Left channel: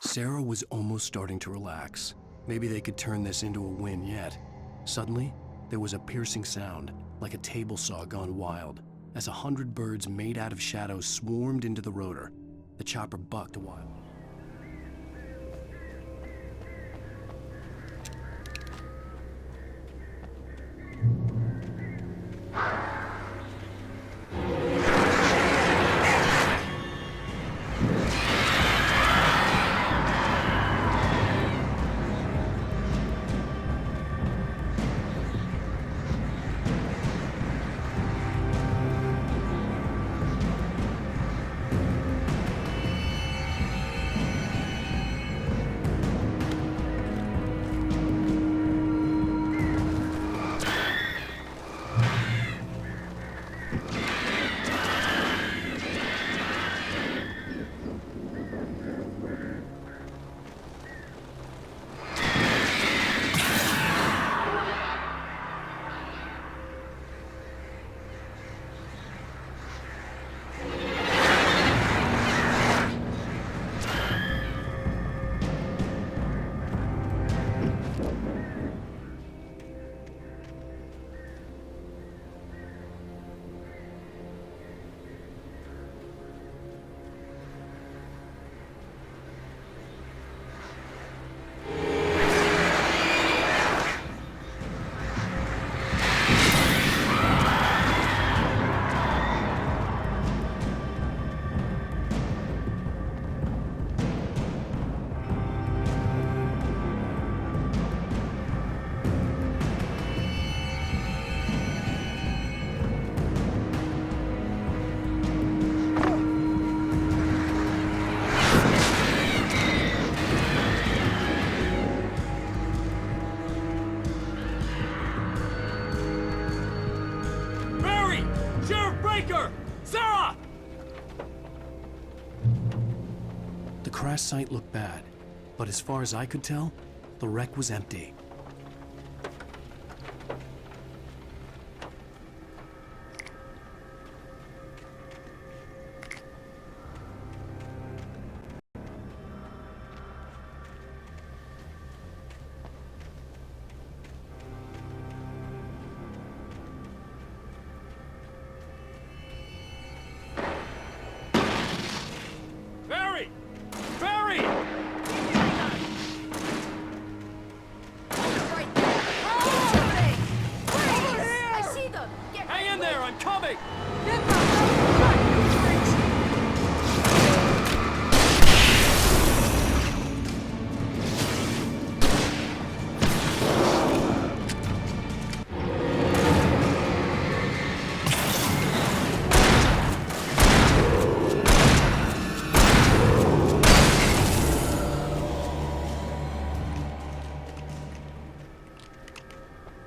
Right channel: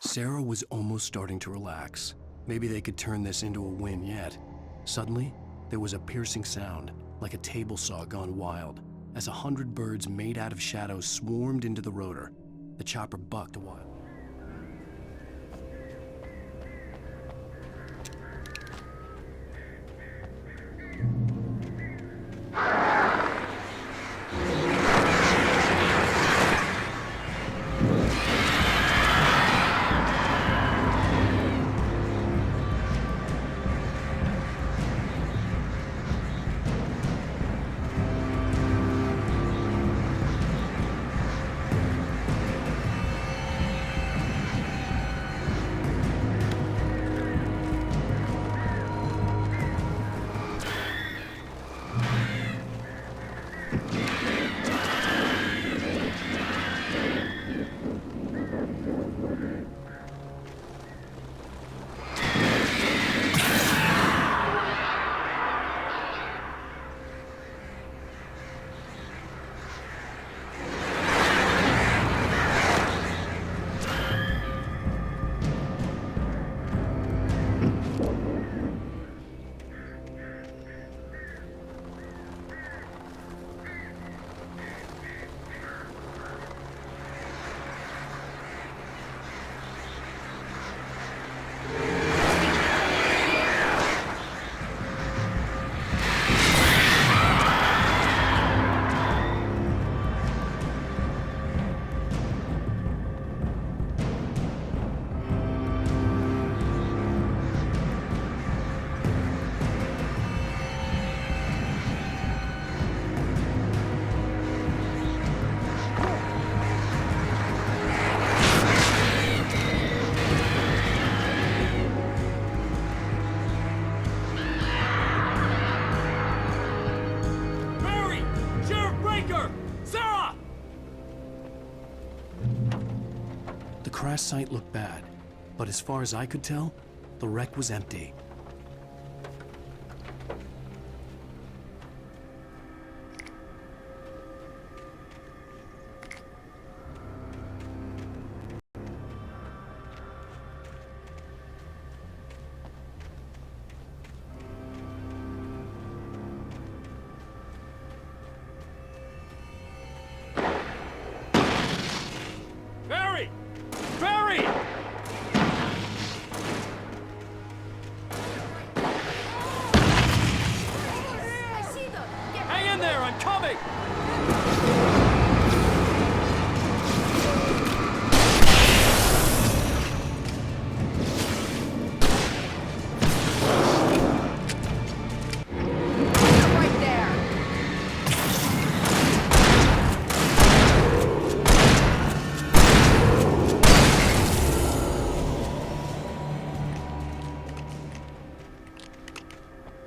Sarah was almost starting to relax. Maybe they could turn this into a win yet. Suddenly, there was a piercing sound, like a table saw gone wild, as 100 birds made out of shadows swarmed into the rotor. The chopper bucked a while. Sarah! The crash site looked bad, but as far as I could tell, the wreck was empty.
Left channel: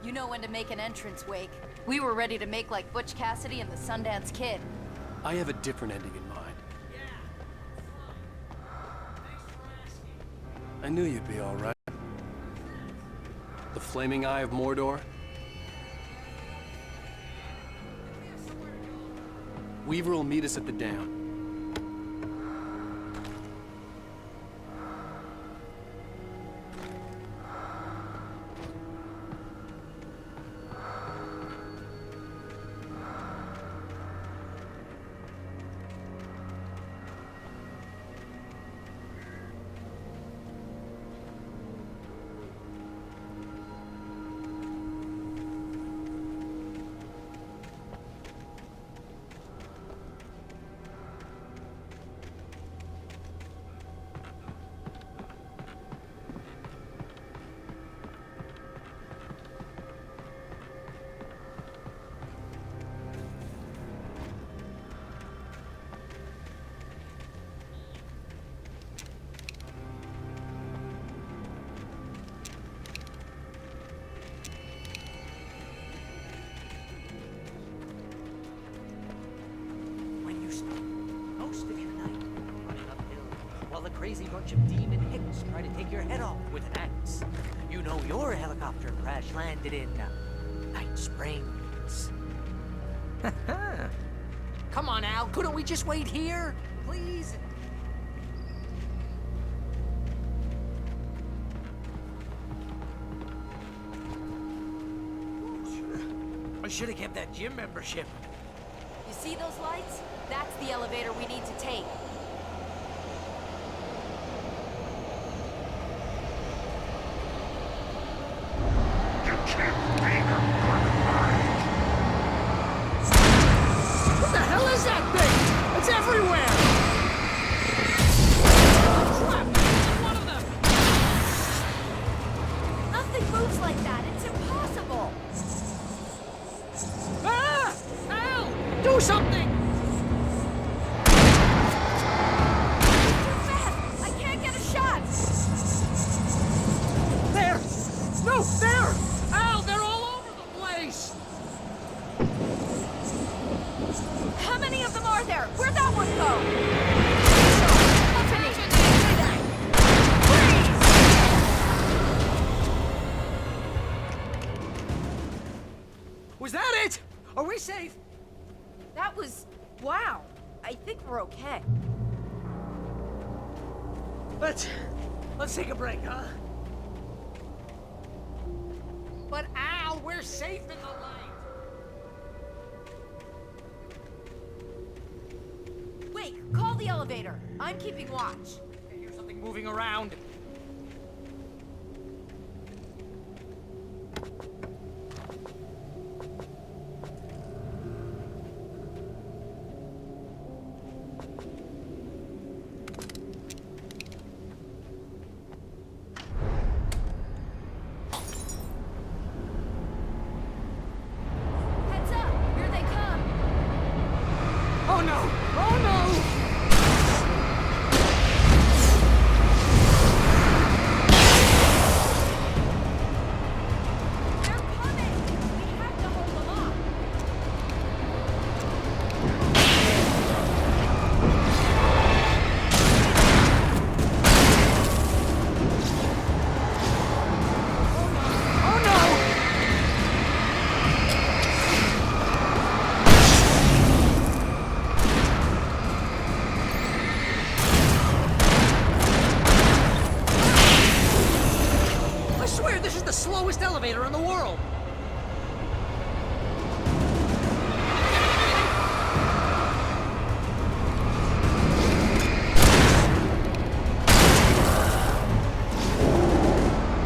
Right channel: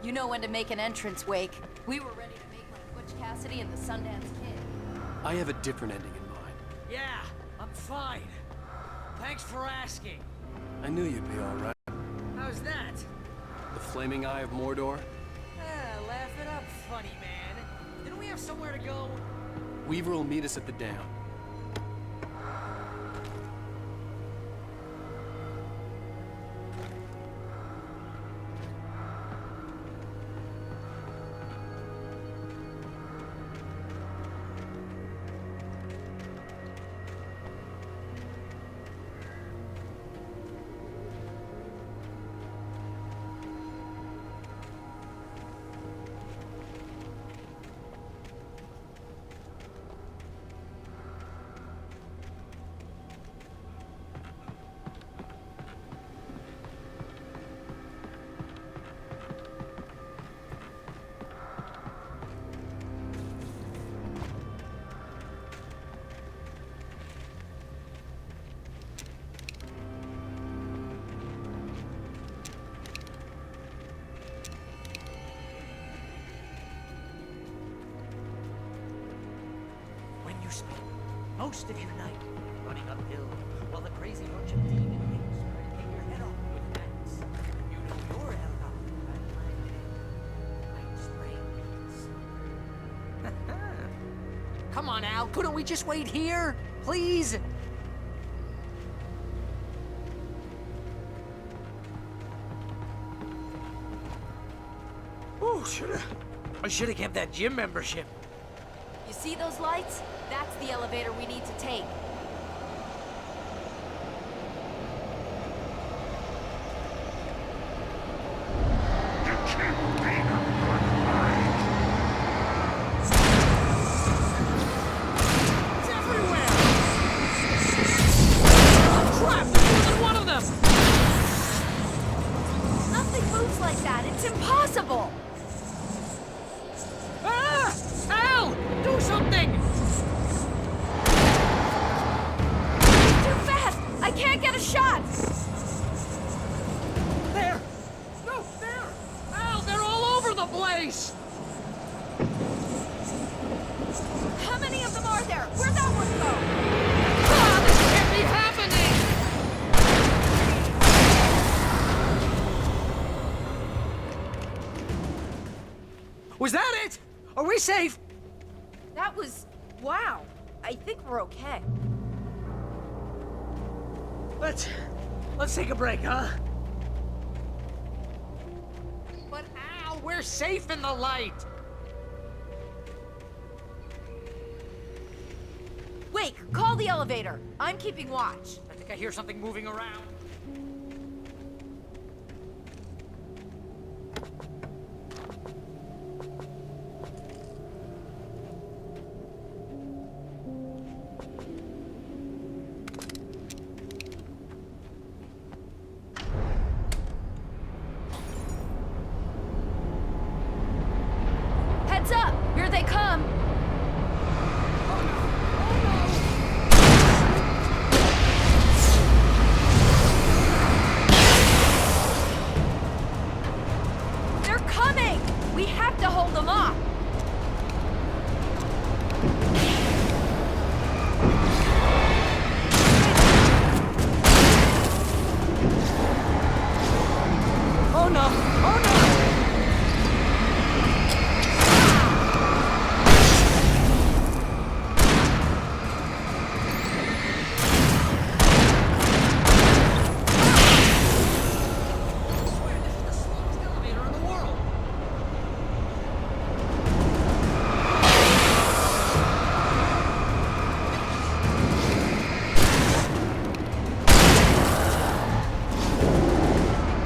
You know when to make an entrance, Wake. We were ready to make like Butch Cassidy and the Sundance Kid. I have a different ending in mind. Yeah, I'm fine. Thanks for asking. I knew you'd be all right. How's that? The flaming eye of Mordor? Laugh it up, funny man. Didn't we have somewhere to go? Weaver will meet us at the dam. Most of your night running uphill while the crazy bunch of demon hicks try to take your head off with an axe. You know your helicopter crash landed in Night Springs. Come on, Al, couldn't we just wait here? Please? I should have kept that gym membership. You see those lights? That's the elevator we need to take. What the hell is that thing? It's everywhere! Crap! There's more than one of them! Nothing moves like that. It's impossible. Ah! Al! Do something! Too fast. I can't get a shot. There! No, there! Al, they're all over the place! How many of them are there? Where'd that one go? What's happening? Was that it? Are we safe? That was... wow. I think we're okay. Let's take a break, huh? But Al, we're safe in the light. Wake, call the elevator. I'm keeping watch. I think I hear something moving around. Heads up! Here they come! Oh no! Oh no! They're coming! We have to hold them off! Oh no! Oh no! I swear this is the slowest elevator in the world!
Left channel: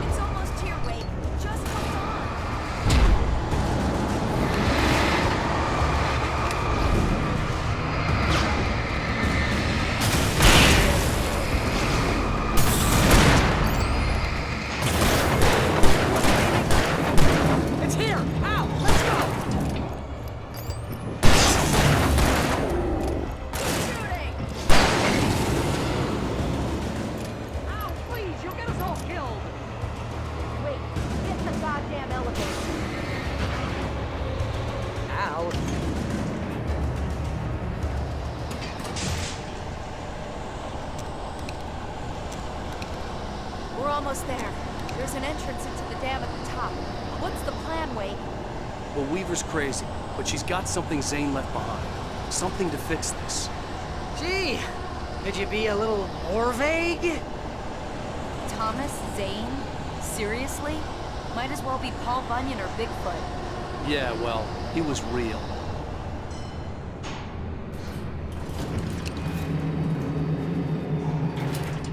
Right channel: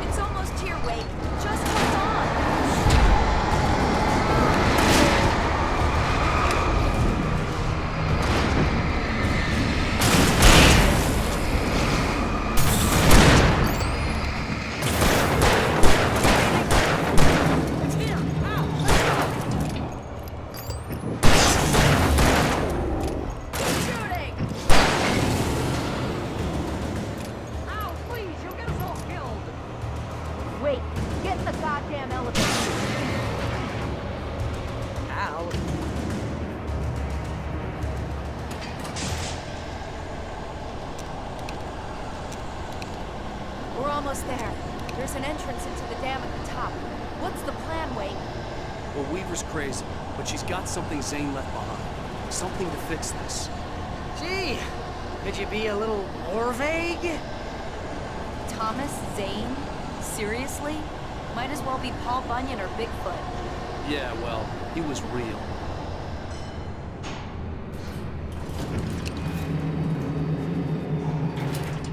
It's almost here, Wake. Just hold on. It's here! Al, let's go! Shooting! Al, please, you'll get us all killed! Wait, get in the goddamn elevator. Al, We're almost there. There's an entrance into the dam at the top. What's the plan, Wake? Well, Weaver's crazy, but she's got something Zane left behind. Something to fix this. gee, could you be a little more vague? Thomas Zane? Seriously? Might as well be Paul Bunyan or Bigfoot. Yeah, well, he was real.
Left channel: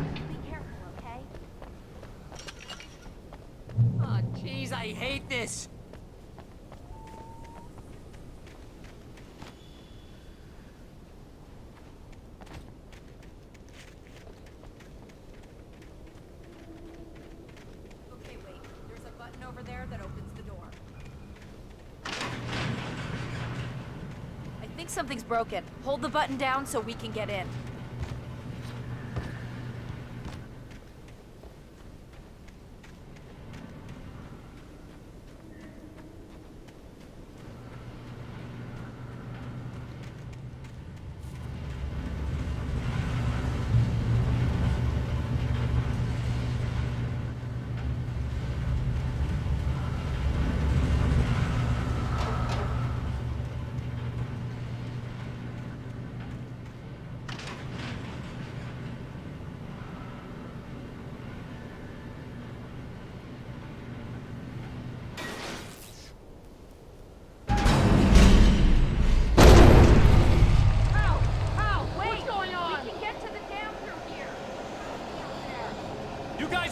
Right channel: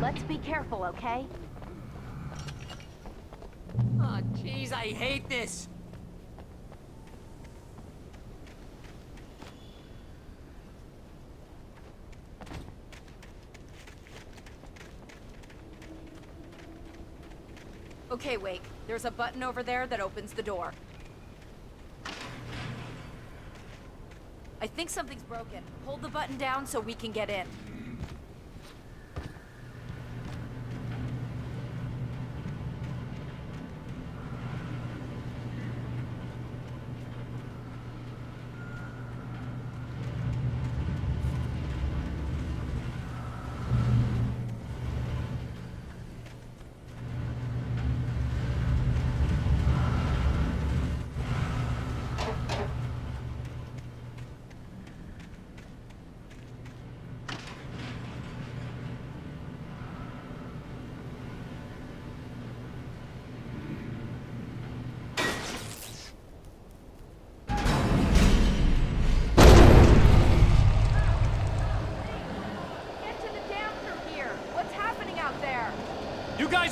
Let's be careful, okay? Oh, jeez, I hate this! Okay, Wake. There's a button over there that opens the door. I think something's broken. Hold the button down so we can get in.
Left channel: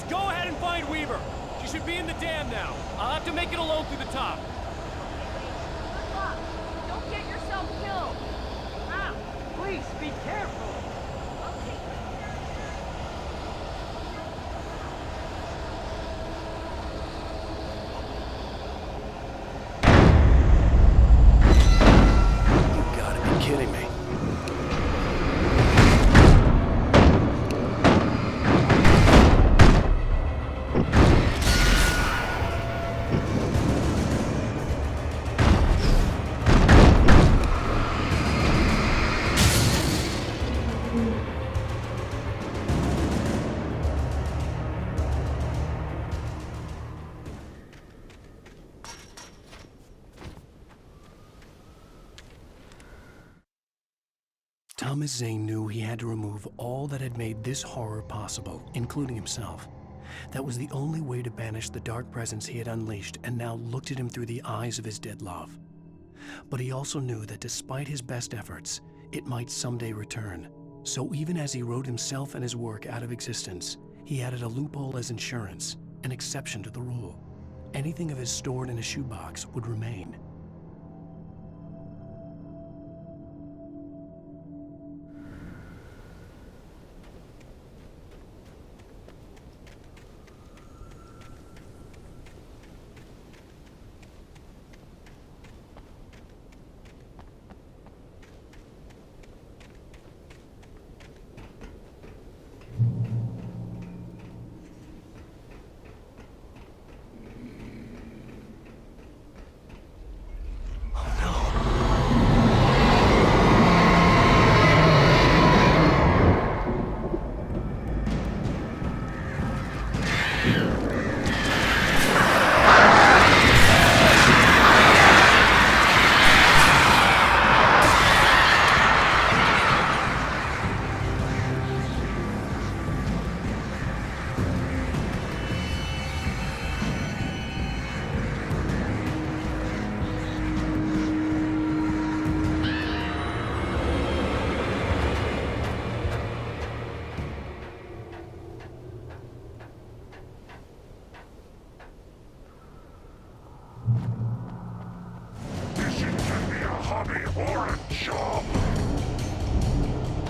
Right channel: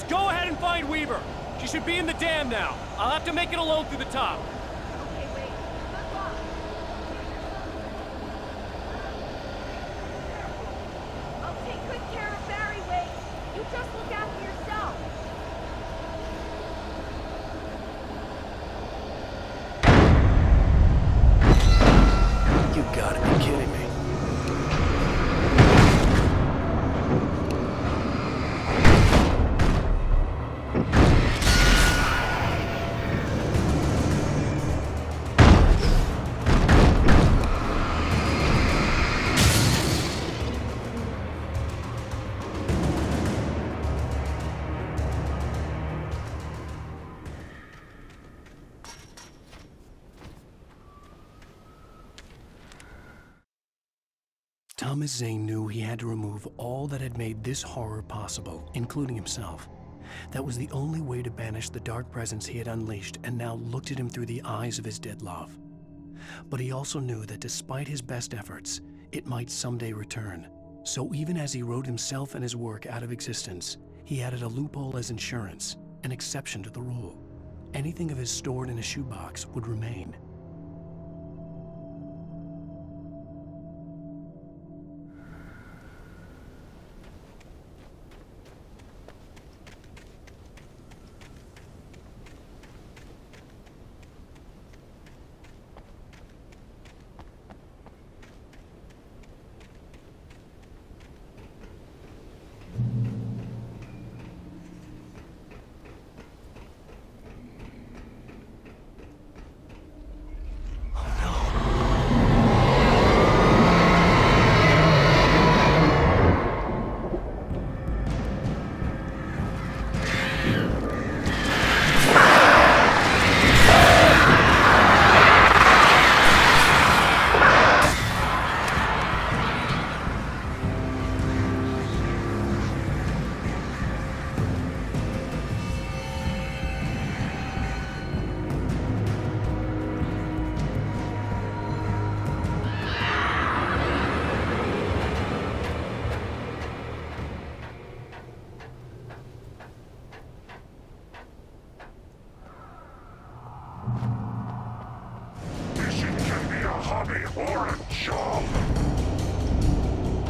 Go ahead and find Weaver. She should be in the dam now. I'll have to make it alone through the top. Okay, wait. Good luck. Don't get yourself killed. Ah, Please, be careful. I'll take good care of Barry, Wade. You just look after yourself. You gotta be kidding me. Thomas Zane knew he had to remove all that had made this horror possible, including himself. That was the only way to banish the dark presence he had unleashed and now looked at him through the eyes of his dead love. But he also knew that despite his best efforts, it might someday return. So even as he wrote himself and his work out of existence, he added a loophole as insurance, an exception to the rule. Anything of his stored in a shoebox would remain.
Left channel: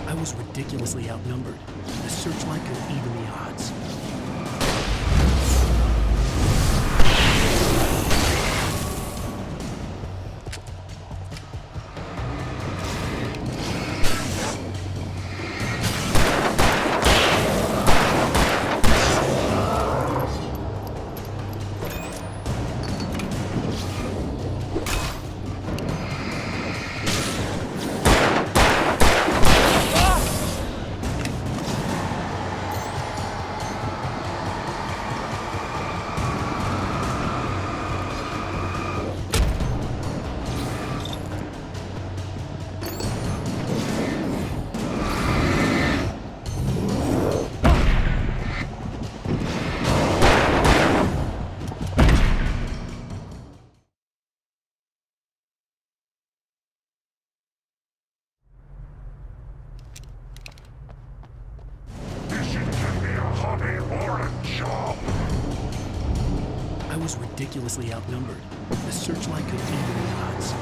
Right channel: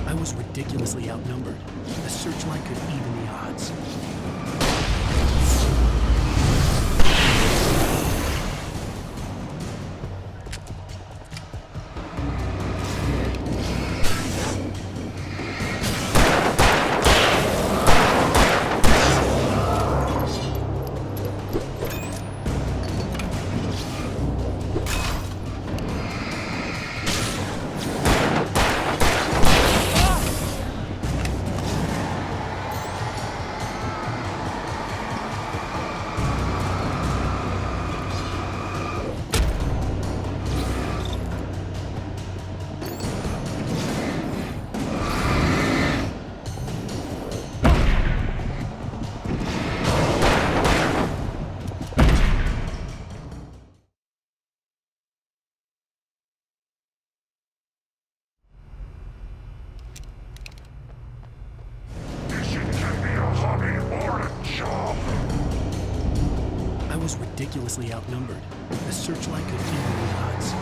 I was ridiculously outnumbered. The searchlight could even the odds. I was ridiculously outnumbered. The searchlight could even the odds.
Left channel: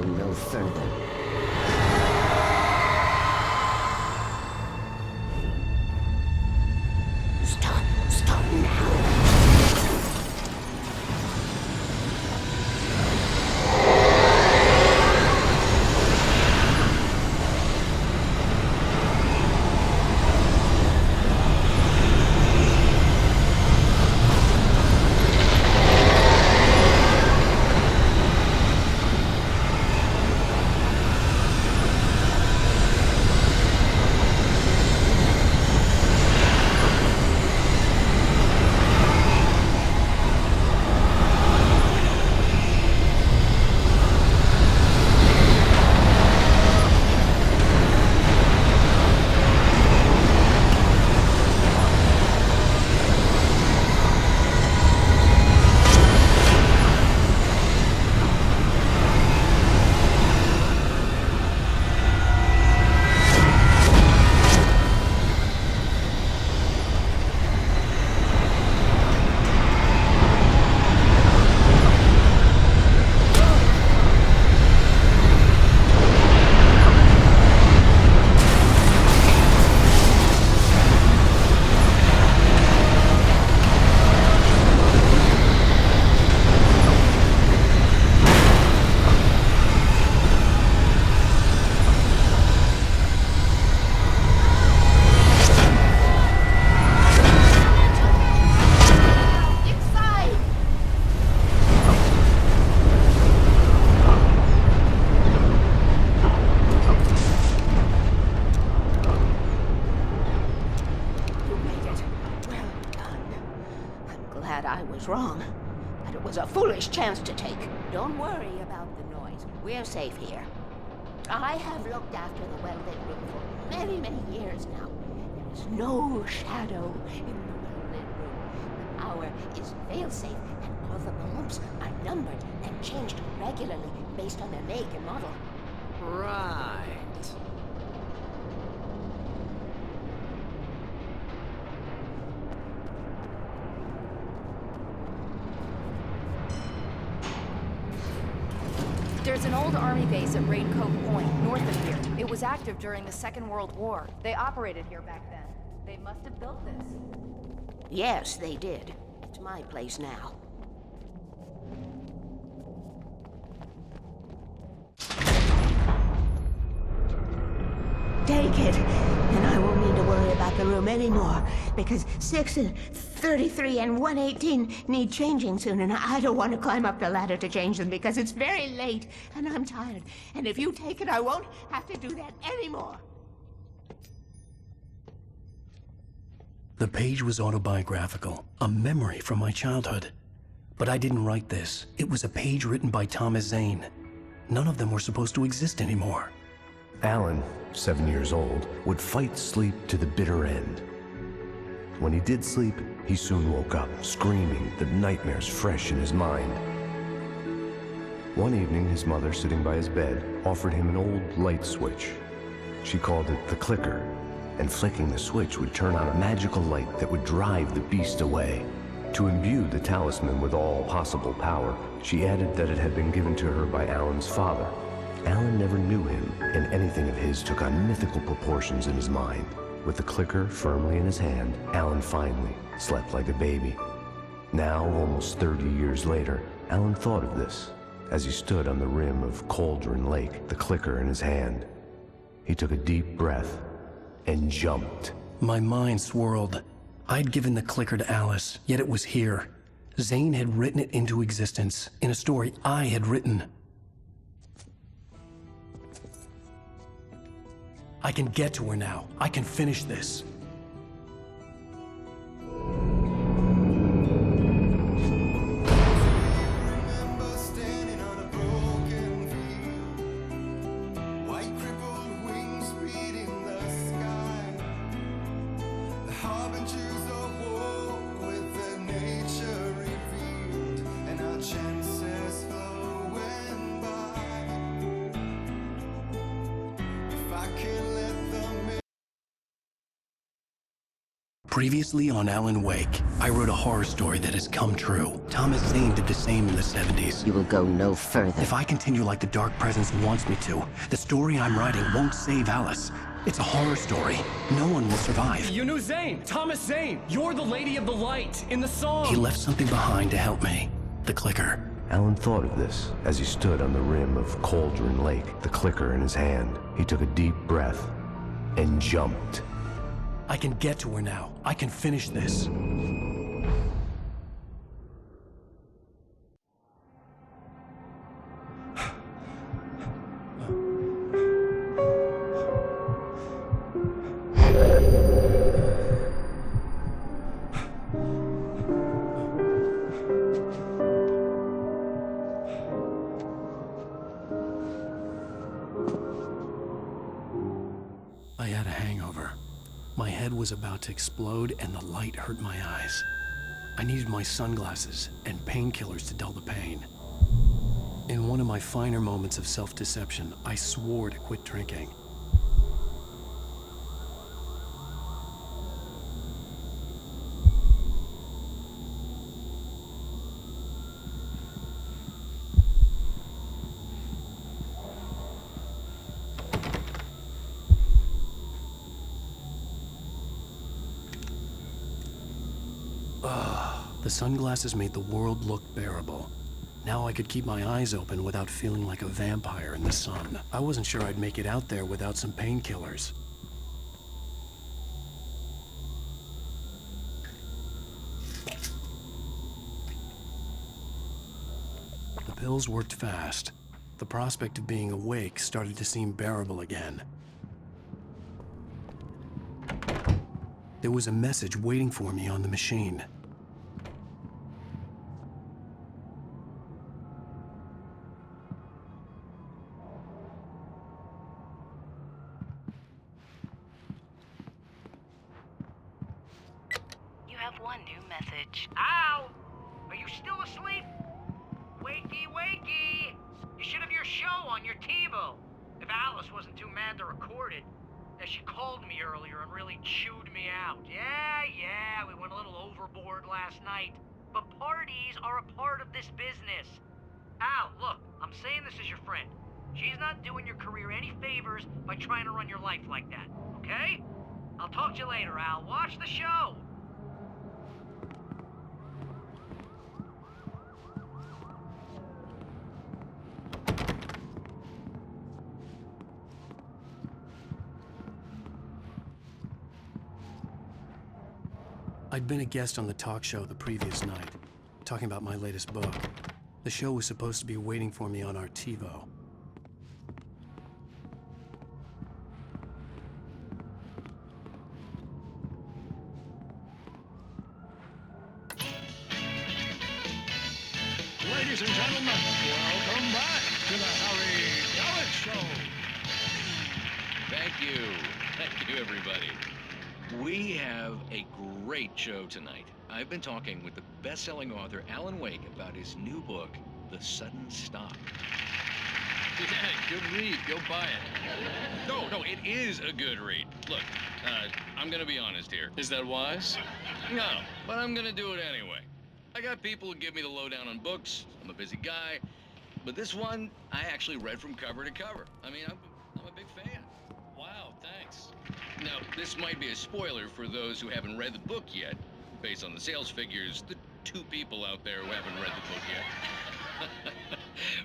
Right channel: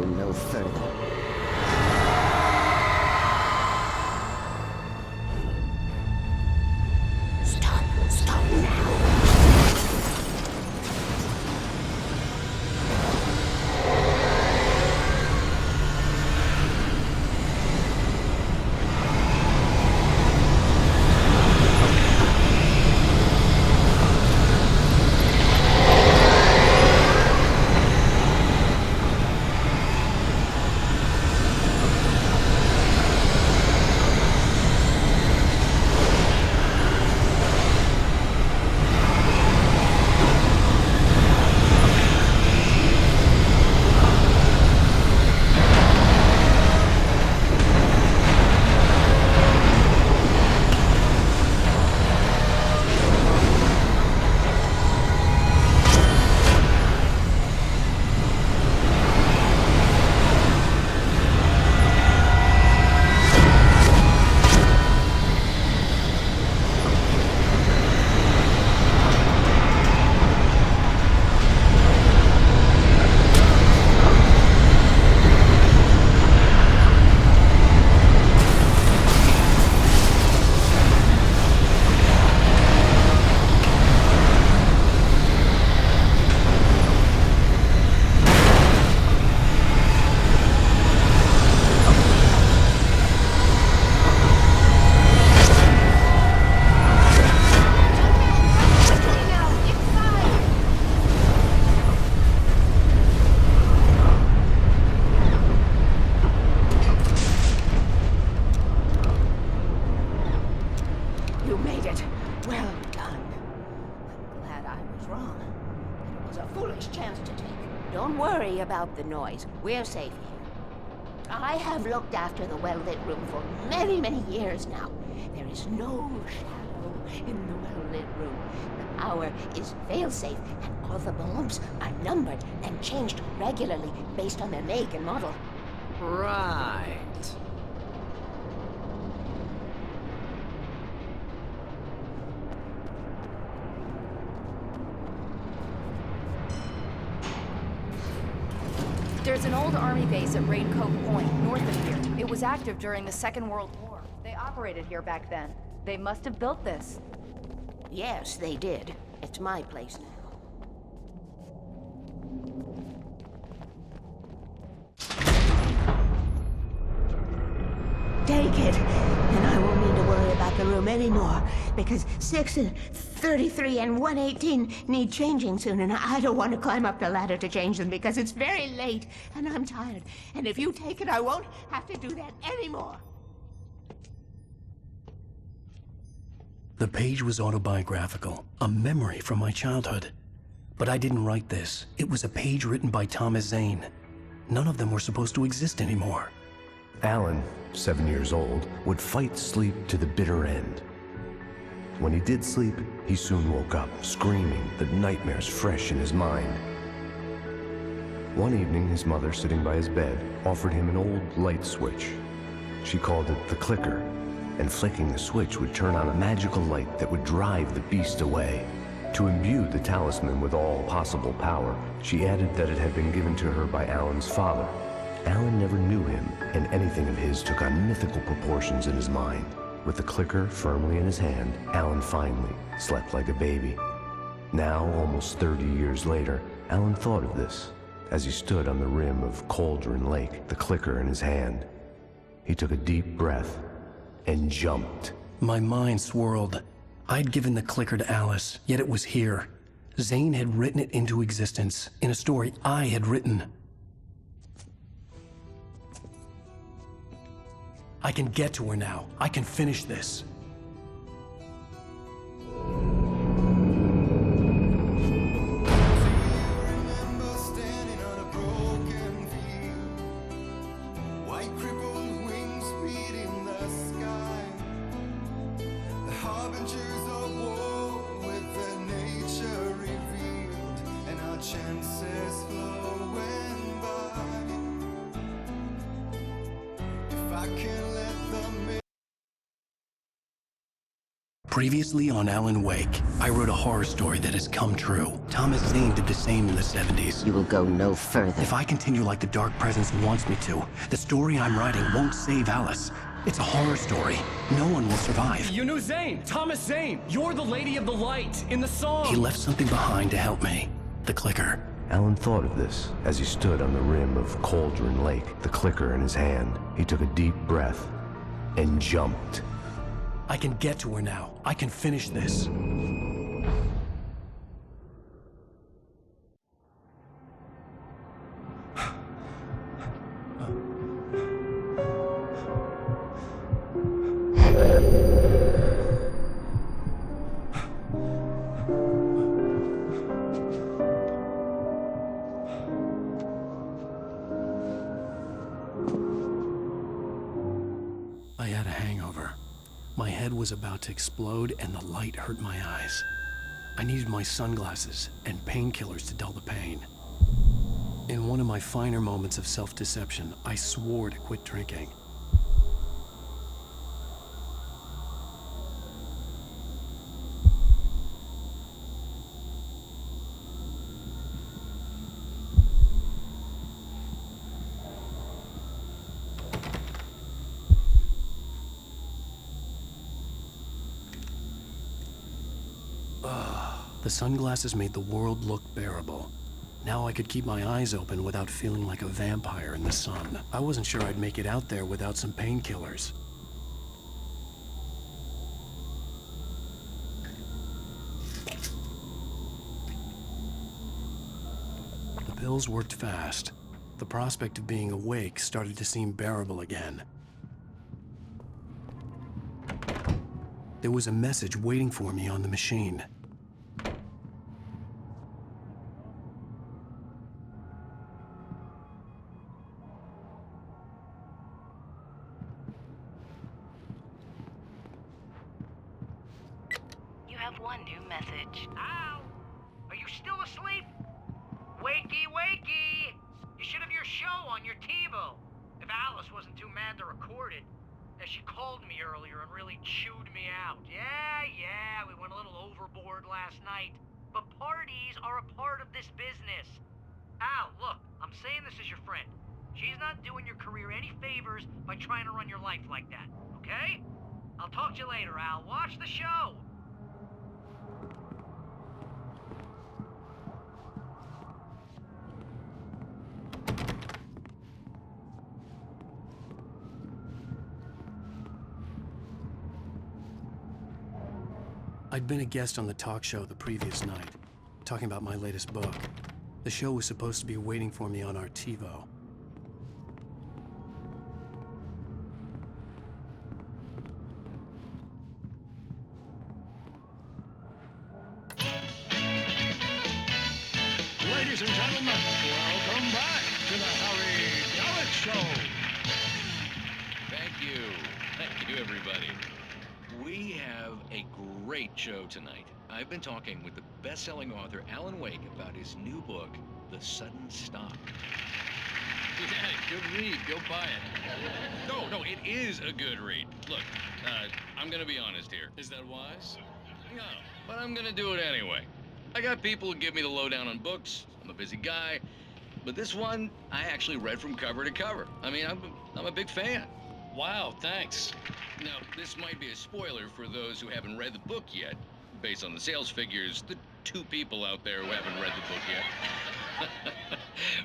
go no further. Stop now. Wrong. And it was a foolish chance to take. Don't worry about the noise. We're safe here. I have looked after the well-lit room for many, many years now. There is no shadow in the well-lit room. The power is fail-safe, and all the bulbs are numbered and changed regularly based on their make and model. Right. There's an old army base at Raincoat Point, north of here. It was active during the Second World War. They operated here back then. They must have built this. Yes, they did. It's my place now. Take it, and I won't need to worry about the room anymore, because 6 and 33 and 118 need changing soon, and I don't want to climb up the ladder to change them because it's very late, and I'm tired. And if you take it, I won't have to do that anymore. The page was autobiographical, a memory from my childhood. But I didn't write this. It was a page written by Thomas Zane. None of them were supposed to exist anymore. Alan, 7 years old, would fight sleep to the bitter end. When he did sleep, he soon woke up, screaming, the nightmares fresh in his mind. One evening, his mother, sitting by his bed, offered him an old light switch. She called it the clicker, and flicking the switch would turn on a magical light that would drive the beast away. To imbue the talisman with all possible power, she added that it had been given to her by Alan's father. Alan never knew him, and anything of his took on mythical proportions in his mind. With the clicker firmly in his hand, Alan finally slept like a baby. Now, almost 30 years later, Alan thought of this as he stood on the rim of Cauldron Lake, the clicker in his hand. He took a deep breath and jumped. My mind swirled. I'd given the clicker to Alice, yet it was here. Zane had written it into existence in a story I had written. I can get to her now. I can finish this. Remember standing on a broken field, white crippled wings beating the sky, the harbingers of war with their nature revealed, and our chances flowing by. If I can let them Previously on Alan Wake, I wrote a horror story that has come true. Thomas Zane did the same in the 70s. You will go no further. If I continue like the Dark Presence wants me to, the story I'm writing won't save Alice. It's a horror story. No one will survive. You knew Zane! Thomas Zane! You're the Lady of the Light in the song! He left something behind to help me. The clicker. Alan thought of this as he stood on the rim of Cauldron Lake, the clicker in his hand. He took a deep breath and jumped. I can get to her now. I can finish this. I had a hangover. My head was about to explode and the light hurt my eyes. I needed my sunglasses and painkillers to dull the pain. In one of my finer moments of self-deception, I swore to quit drinking. The sunglasses made the world look bearable. Now I could keep my eyes open without feeling like a vampire in the sun. I wasn't sure I'd make it out there without some painkillers. The pills worked fast. The prospect of being awake started to seem bearable again. There was a message waiting for me on the machine. One new message. Ow! Are you still asleep? Wakey, wakey! You should have your show on your TiVo. If Alice wasn't too mad to record it. As she called me earlier and really chewed me out. Yeah, we went a little overboard last night. But parties are a part of this business. Al, look, I'm saying this as your friend. She's not doing your career any favors by trying to run your life like that, okay? I'll talk to you later, Al. Watch the show. I'd been a guest on the talk show the previous night, talking about my latest book. The show was supposed to be waiting for me on our TiVo. Ladies and gentlemen, welcome back to the Harry Gallant Show. Thank you. Thank you, everybody. We have a great show tonight. I've been talking with the best-selling author Alan Wake about his new book, The Sudden Stop. Yeah, good read. Go buy it. No, it is a good read. Look, I'm gonna be honest here. Is that wise? No, but I'm gonna do it anyway. I got people who give me the lowdown on books. I'm a busy guy. But this one, I actually read from cover to cover. I mean, I'm a big fan. Wow, thanks. Now, this might be a spoiler for those who haven't read the book yet. Based on the sales figures, the 2 people out there who haven't read the book yet.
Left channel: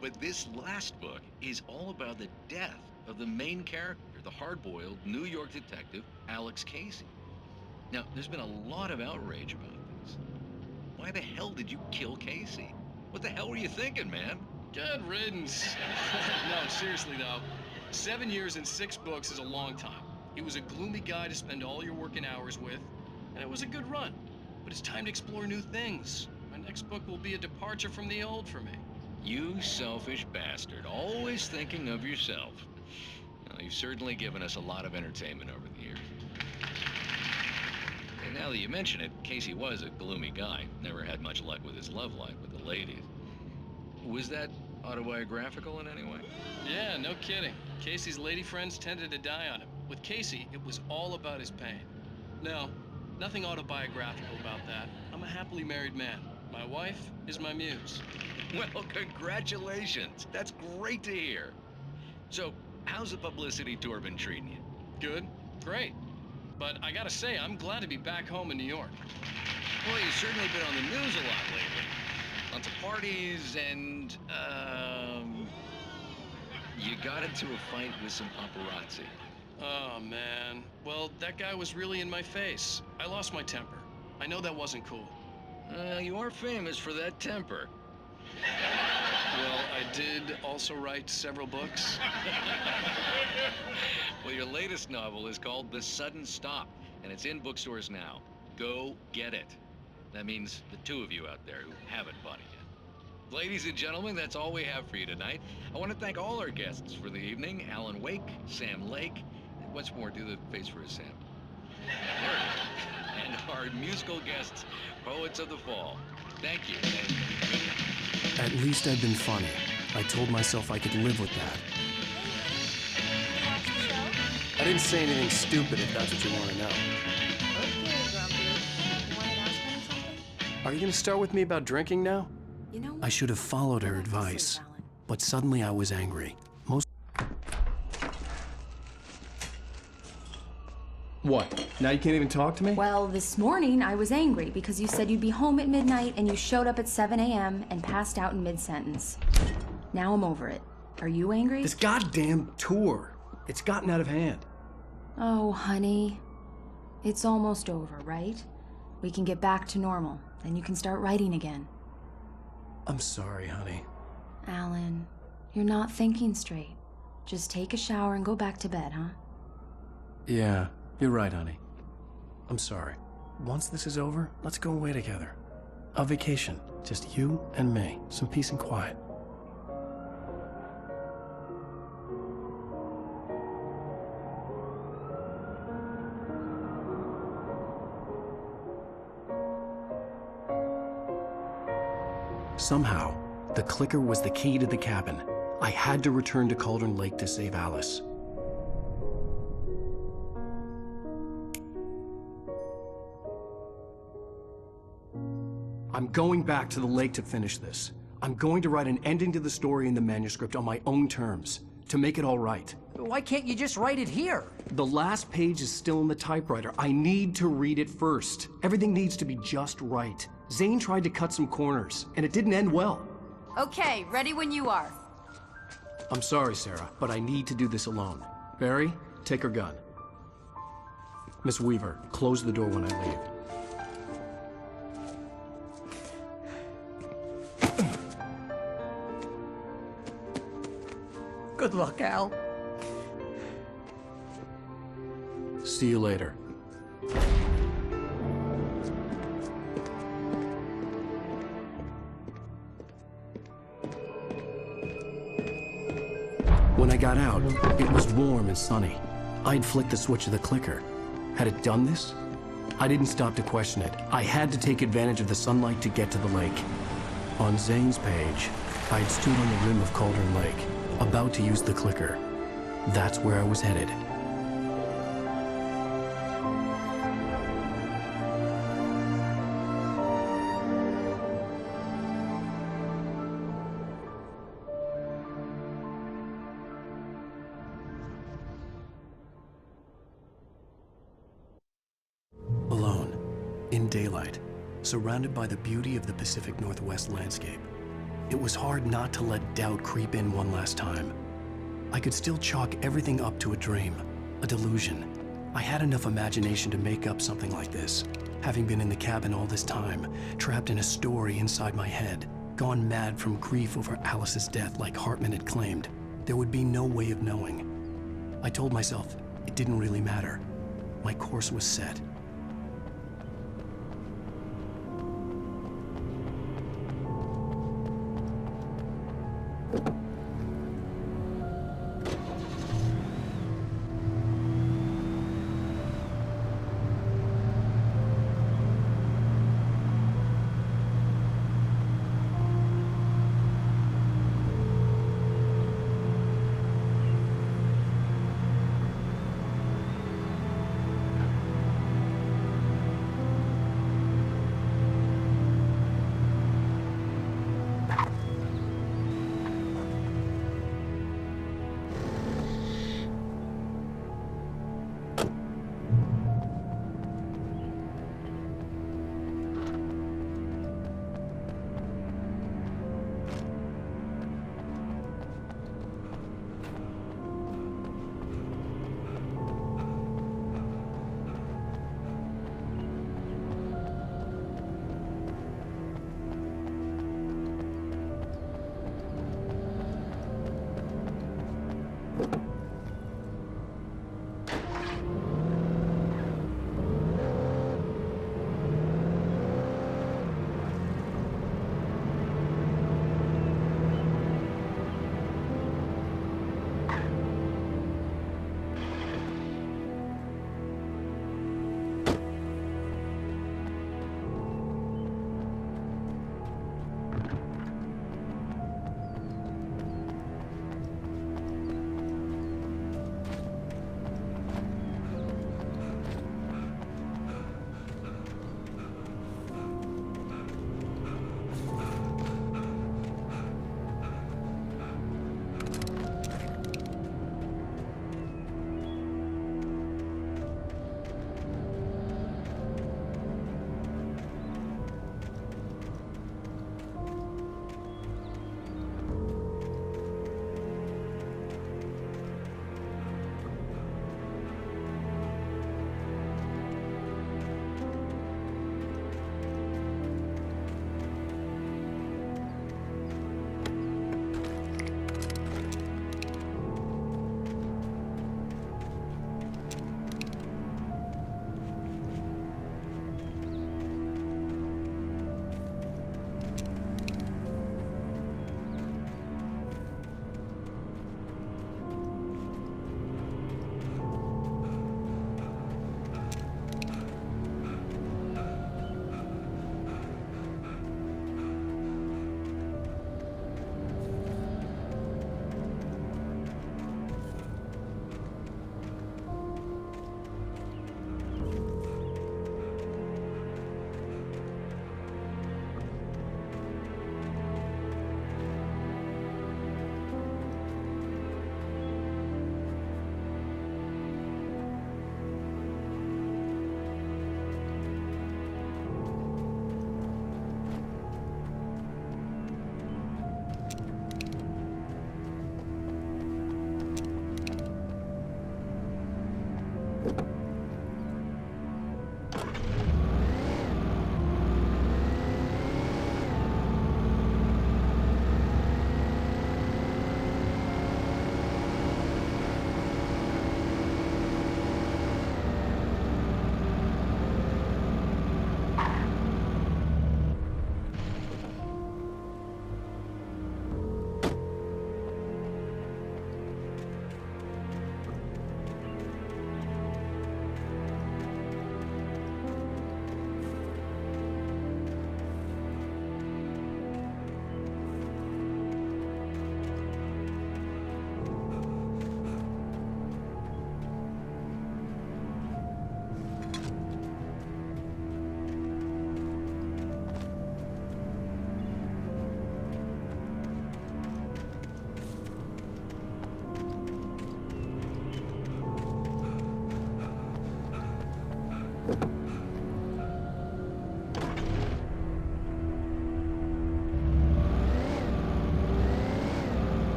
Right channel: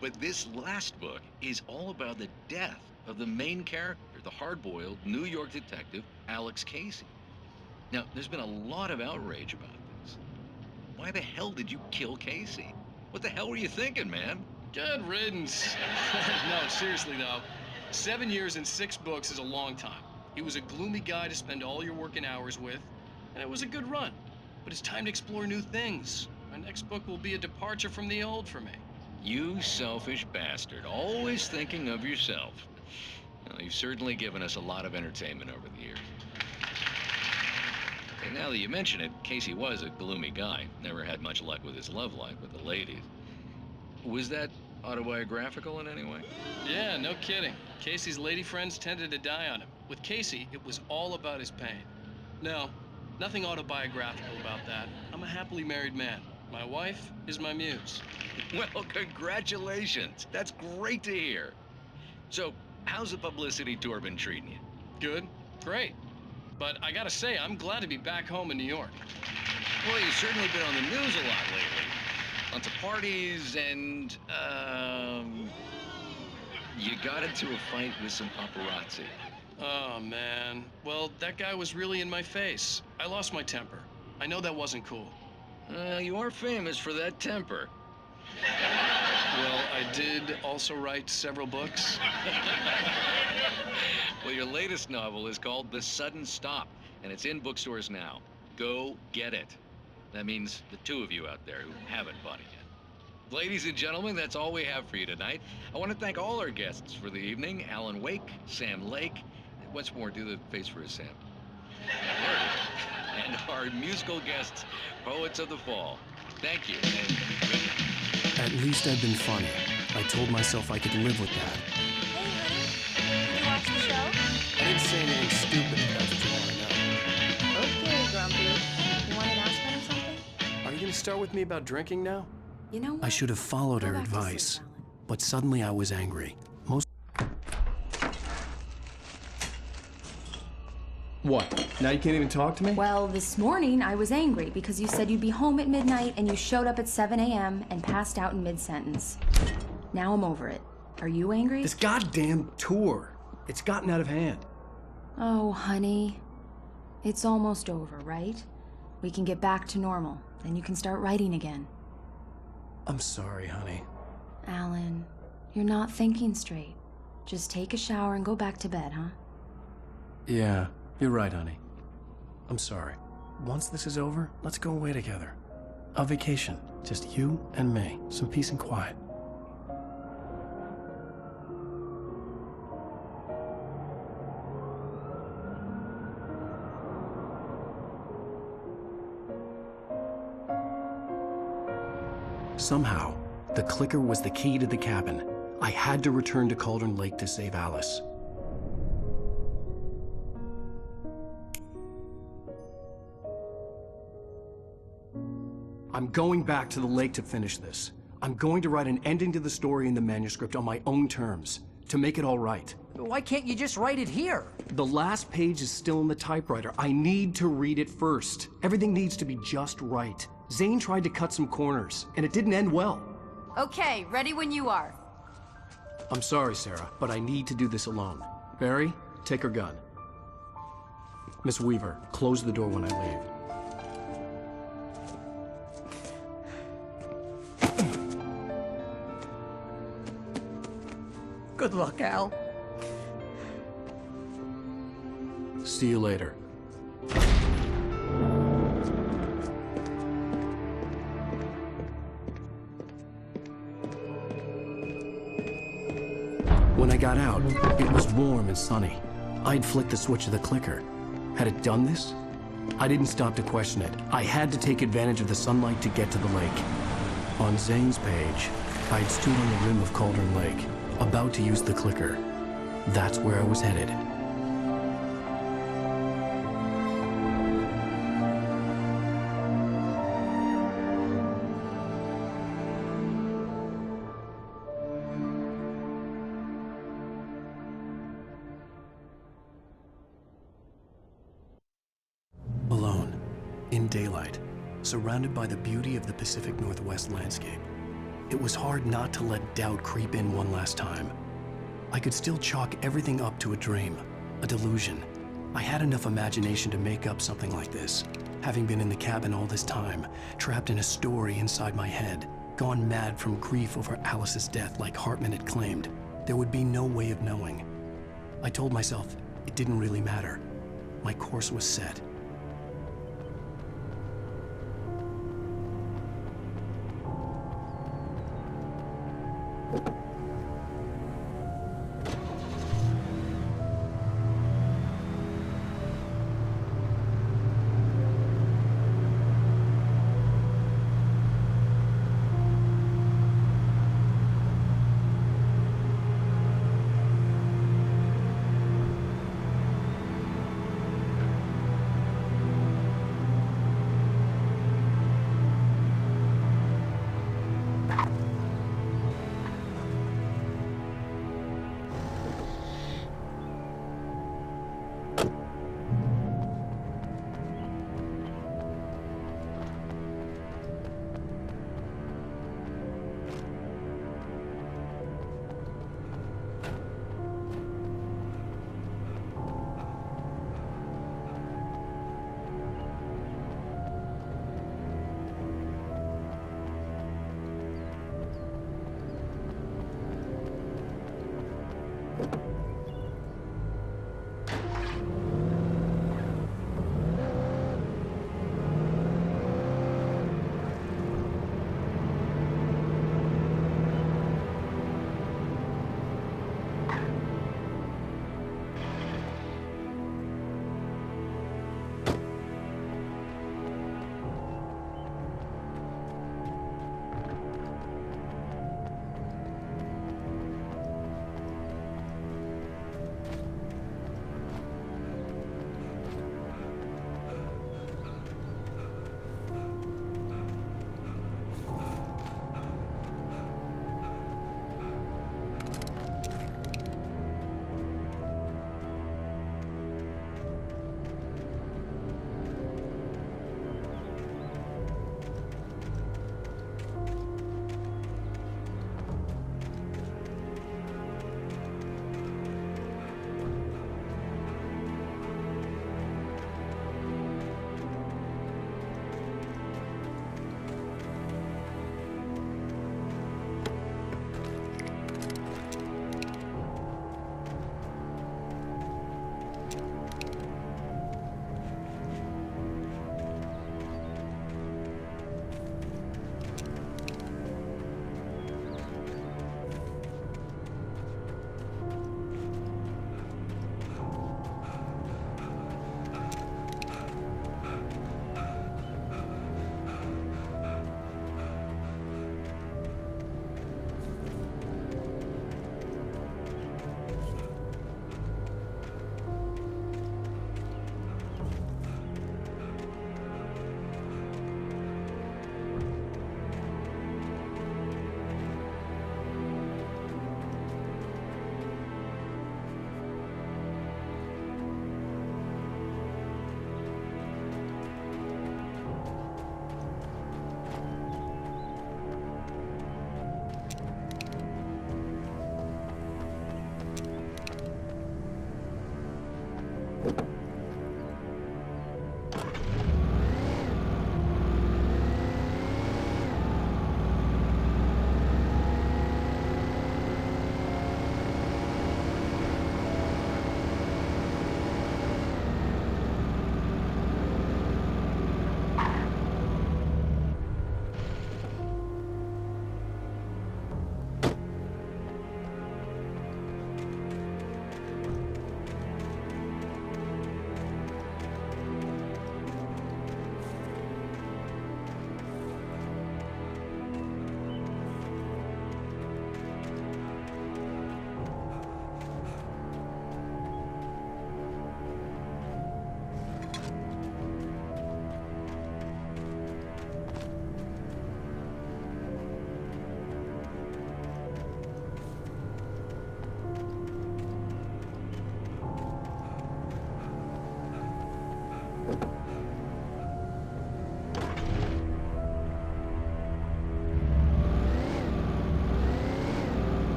But this last book is all about the death of the main character, the hard-boiled New York detective, Alex Casey. Now, there's been a lot of outrage about this. Why the hell did you kill Casey? What the hell were you thinking, man? Good riddance. No, seriously though. 7 years and 6 books is a long time. He was a gloomy guy to spend all your working hours with, and it was a good run. But it's time to explore new things. My next book will be a departure from the old for me. You selfish bastard, always thinking of yourself. Well, you've certainly given us a lot of entertainment over the years. And now that you mention it, Casey was a gloomy guy. Never had much luck with his love life with the ladies. Was that autobiographical in any way? Yeah, no kidding. Casey's lady friends tended to die on him. With Casey, it was all about his pain. No, Nothing autobiographical about that. I'm a happily married man. My wife is my muse. Well, congratulations. That's great to hear. So, how's the publicity tour been treating you? Good. Great. But I gotta say, I'm glad to be back home in New York. Well, you've certainly been on the news a lot lately. Lots of parties and, you got into a fight with some paparazzi. Oh, man. Well, that guy was really in my face. I lost my temper. I know that wasn't cool. You are famous for that temper. Well, I did also write several books. Well, your latest novel is called The Sudden Stop, and it's in bookstores now. Go get it. That means the two of you out there who haven't bought it yet. Ladies and gentlemen, that's all we have for you tonight. I want to thank all our guests for the evening. Alan Wake, Sam Lake. What's more, do the face for a Sam. There it is. And our musical guests, Poets of the Fall. Thank you, and good night. At least I've been funny. I told myself I could live with that. Hey, honey. Did you watch the show? I didn't say anything stupid if that's what you want to know. Okay, Grumpy. You wanted to ask me something? Are you going to start with me about drinking now? You know what? I should have followed Go her back to sleep, advice, Alan. but suddenly I was angry. What? Now you can't even talk to me? Well, this morning I was angry because you said you'd be home at midnight and you showed up at 7 a.m. and passed out in mid-sentence. Now I'm over it. Are you angry? This goddamn tour. It's gotten out of hand. Oh, honey. It's almost over, right? We can get back to normal. Then you can start writing again. I'm sorry, honey. Alan, you're not thinking straight. Just take a shower and go back to bed, huh? Yeah, you're right, honey. I'm sorry. Once this is over, let's go away together. A vacation. Just you and me. Some peace and quiet. Somehow, the clicker was the key to the cabin. I had to return to Cauldron Lake to save Alice. I'm going back to the lake to finish this. I'm going to write an ending to the story in the manuscript on my own terms, to make it all right. Why can't you just write it here? The last page is still in the typewriter. I need to read it first. Everything needs to be just right. Zane tried to cut some corners, and it didn't end well. Okay, ready when you are. I'm sorry, Sarah, but I need to do this alone. Barry, take her gun. Miss Weaver, close the door when I leave. Good luck, Al. See you later. When I got out, it was warm and sunny. I'd flicked the switch of the clicker. Had it done this? I didn't stop to question it. I had to take advantage of the sunlight to get to the lake. On Zane's page, I'd stood on the rim of Cauldron Lake, about to use the clicker. That's where I was headed. Alone, in daylight, surrounded by the beauty of the Pacific Northwest landscape. It was hard not to let doubt creep in one last time. I could still chalk everything up to a dream, a delusion. I had enough imagination to make up something like this, having been in the cabin all this time, trapped in a story inside my head, gone mad from grief over Alice's death like Hartman had claimed. There would be no way of knowing. I told myself it didn't really matter. My course was set.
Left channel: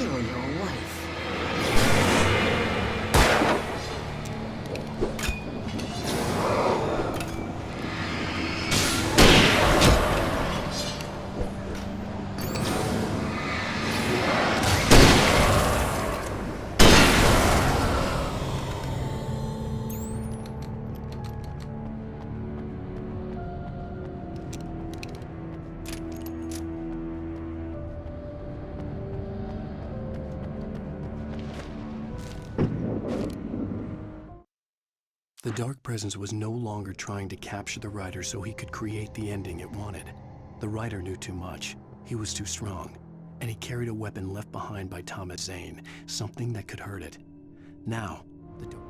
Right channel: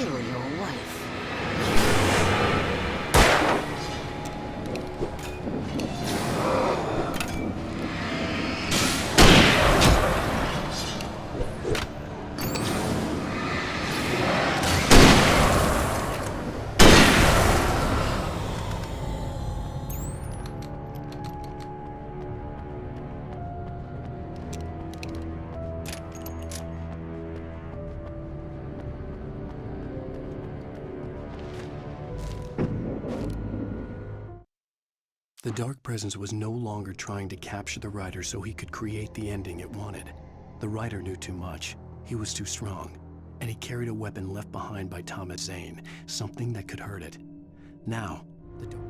kill your wife. The Dark Presence was no longer trying to capture the writer so he could create the ending it wanted. The writer knew too much. He was too strong. And he carried a weapon left behind by Thomas Zane, something that could hurt it. Now, the Dark...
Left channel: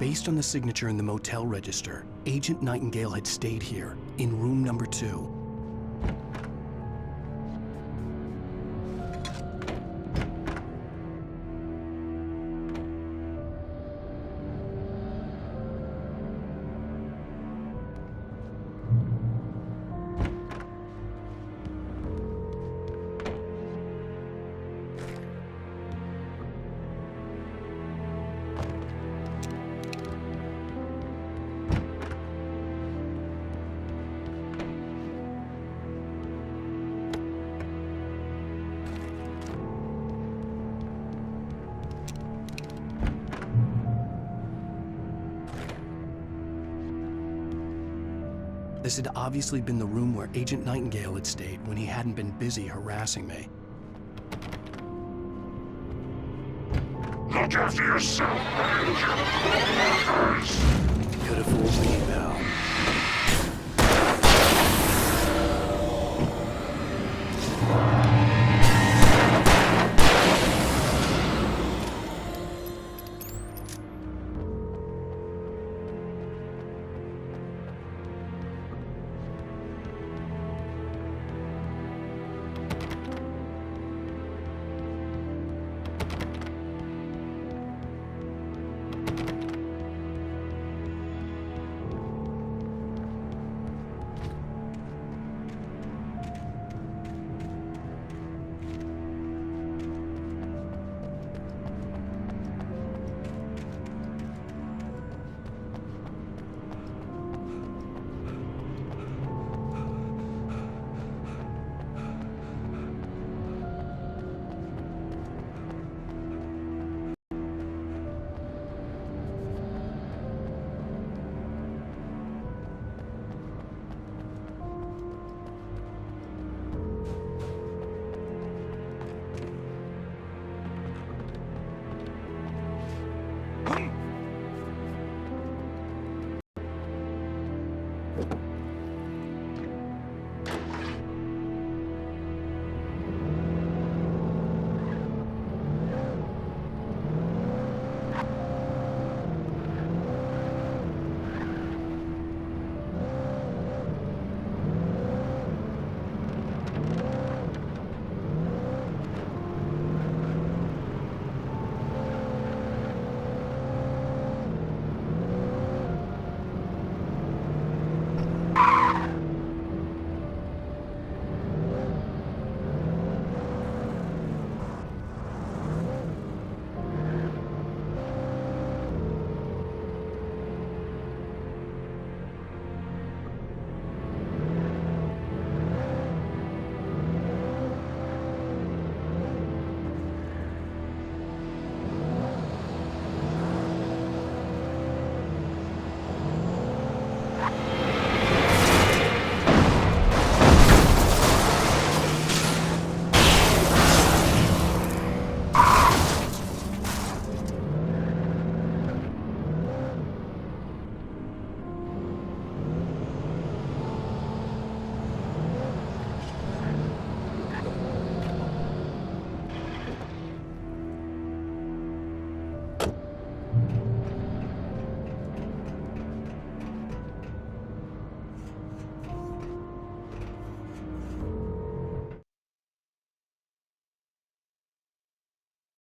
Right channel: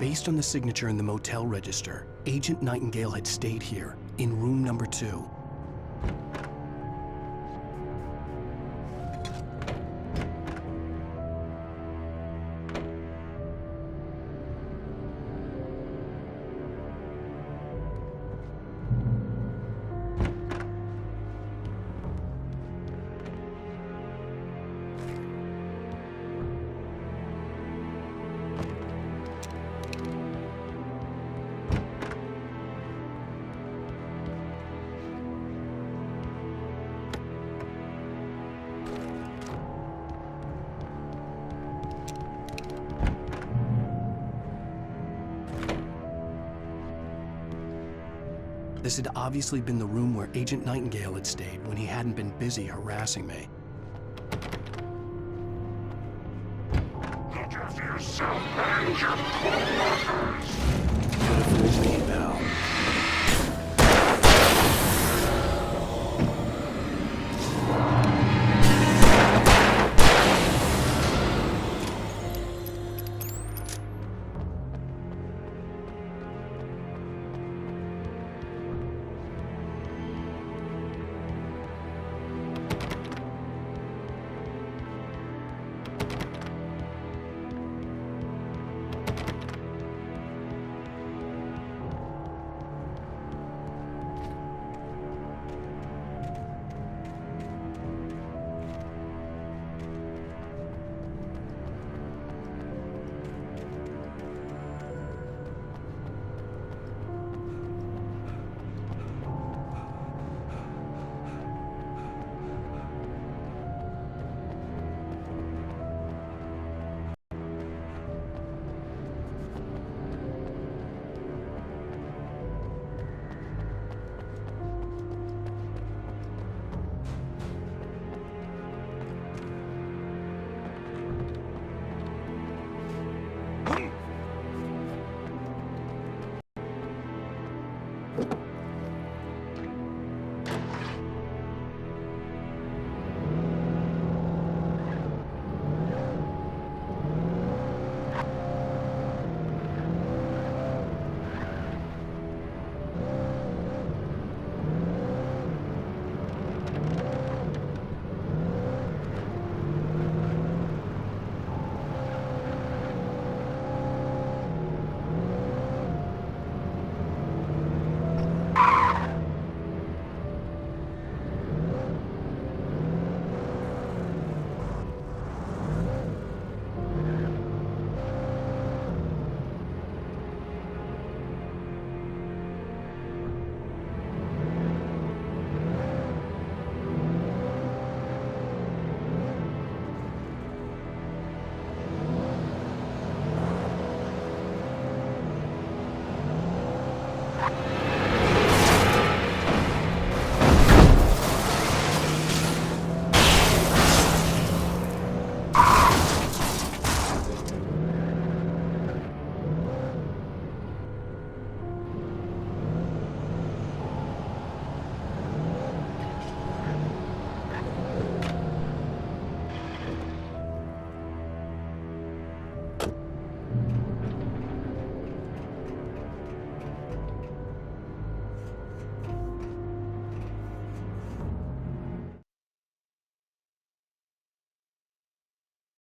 Based on the signature in the motel register, Agent Nightingale had stayed here, in room number 2. This had obviously been the room where Agent Nightingale had stayed when he hadn't been busy harassing me. Look after yourself and your co-workers! could have fooled me, pal.